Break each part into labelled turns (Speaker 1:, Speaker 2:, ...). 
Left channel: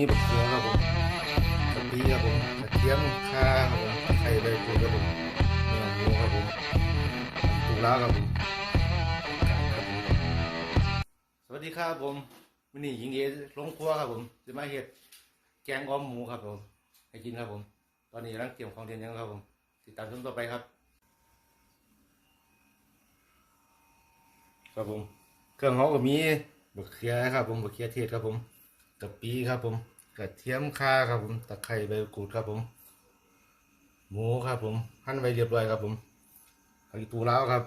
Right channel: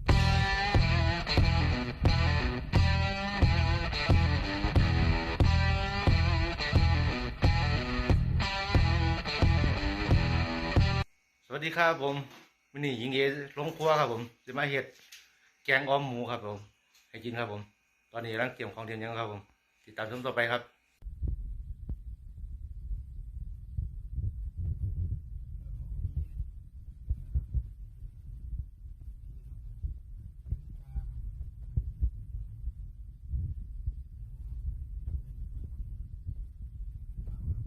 Speaker 1: นี่เป็นเนื้อครับผมตรงนี้ครับผมกระเทียมข่าครับผมไข่ใบกูดครับผมเนื้อหมูครับผมตุลาครับผมสวัสดีครับผมวันนี้หญิงเอลงครัวครับผมจะมาเฮ็ดแกงอ้อมหมูครับผมให้กินครับผม ตอนนี้กำลังเตรียมของเตรียมหยังครับผมติดตามชมต่อไปครับ ครับผม เครื่องเขาก็มีบะเขือครับผมบะเขือเทศครับผม กะปิครับผมกระเทียมข่าครับผมตะไคร้ใบกรูดครับผม หมูครับผมหั่นไว้เรียบร้อยครับผมผักอีตูลาวครับ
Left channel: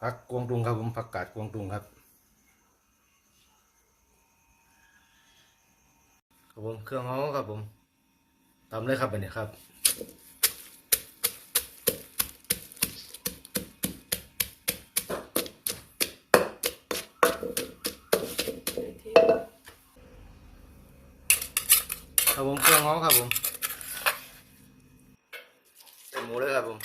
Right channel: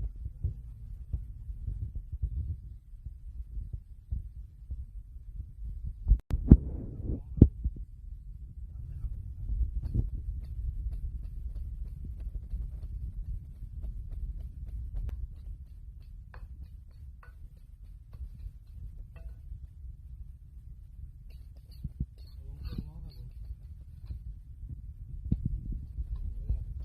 Speaker 1: ผักกวงตุงครับผมผักกาดกวงตุงครับครับผมเครื่องเขาครับผมทำเลยครับอันนี้ครับ ครับผมเครื่องเขาครับผมใส่หมูเลยครับผม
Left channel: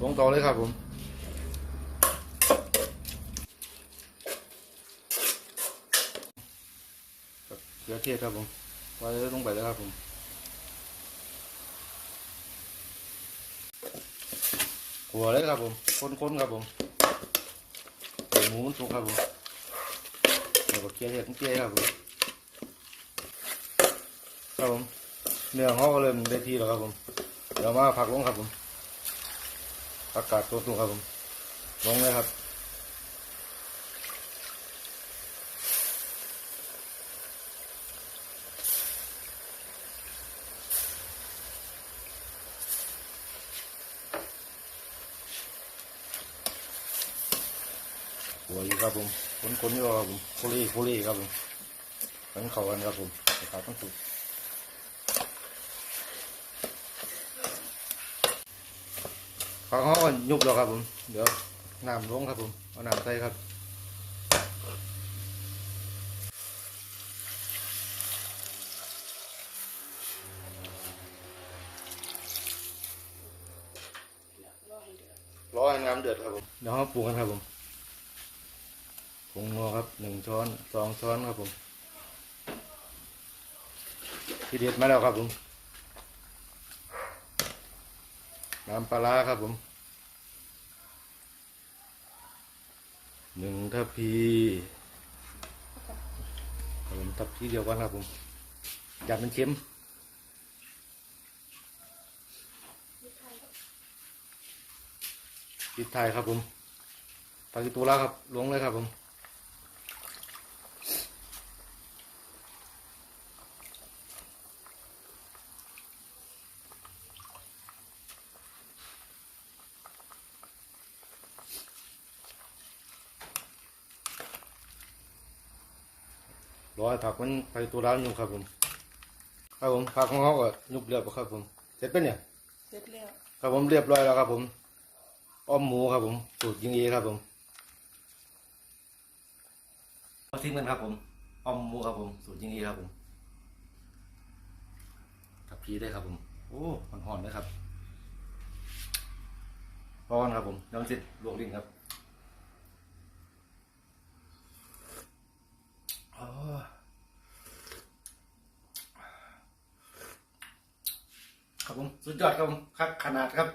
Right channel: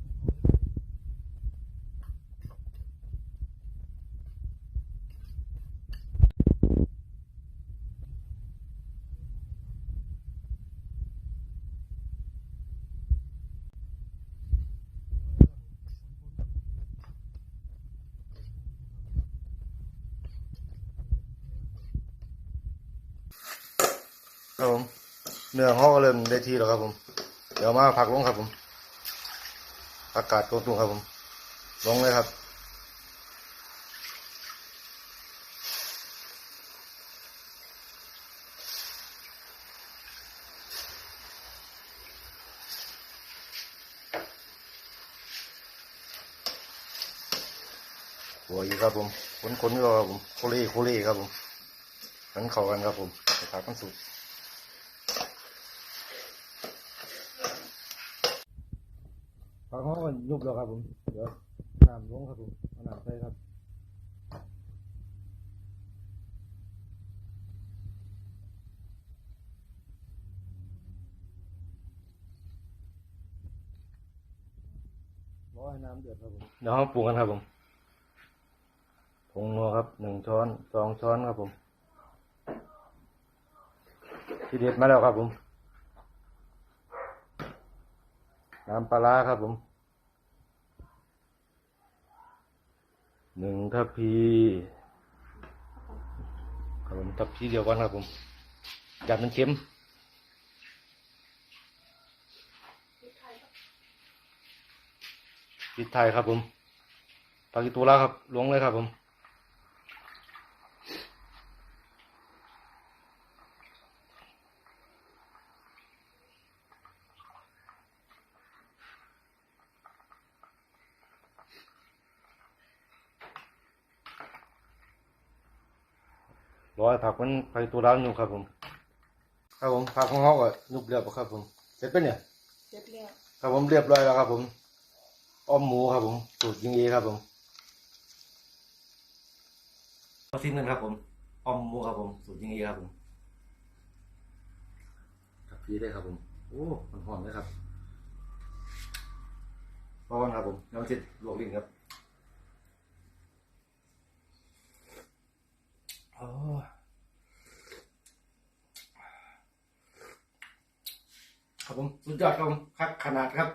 Speaker 1: ลงต่อเลยครับผมเกลือเทศครับผมวางเลยลงไปเลยครับผมหัวเลยครับผม คนๆครับผมใส่ หมูมันสุกครับผมแล้วก็เกลี่ยเห็ดเกลี่ยครับผมครับผมเนื้อห่อก็เริ่มได้ที่แล้วครับผม เดี๋ยวมาผักลงครับผม อากาศก็ตุ้งครับผม ลงเลยครับ หัวอีกครับผมคนคนๆก็ครับผมโคเล่โคเล่ครับผมมันเข้ากันครับผมไปผักมันสุกผักเขาก็ยุบแล้วครับผม เดี๋ยวน้ำลงครับผม เอาน้ำใส่ครับรอให้น้ำเดือดครับผม เดี๋ยวเราปรุงกันครับผม ผงนัวครับหนึ่งช้อนสองช้อนครับผมทีเด็ดมาแล้วครับผม น้ำปลาร้าครับผมหนึ่งทัพพีครับผมทัพพีเดียวกันครับผมจัดมันเค็มพริกไทยครับผมปากิตูราครับลวงเลยครับผม ร้อยผักมันไปตัวร้านอยู่ครับผม ครับผมผักของเขาก็ยุบเรียบแล้วครับผม เสร็จเป็นเนี่ย
Speaker 2: เรียบเรียบ
Speaker 1: ครับผมเรียบร้อยแล้วครับ ผมอ้อมหมูครับผมสูตรยิงเอครับผมมาทิ้งกันครับผมอ้อมหมูครับผมสูตรยิงเอครับผมกับพีได้ครับผมโอ้มันหอมเลยครับร้อนครับผมน้ำจิตลวกลิ้นครับอ๋อ ครับผม สุดยอดครับผมคักขนาดครับ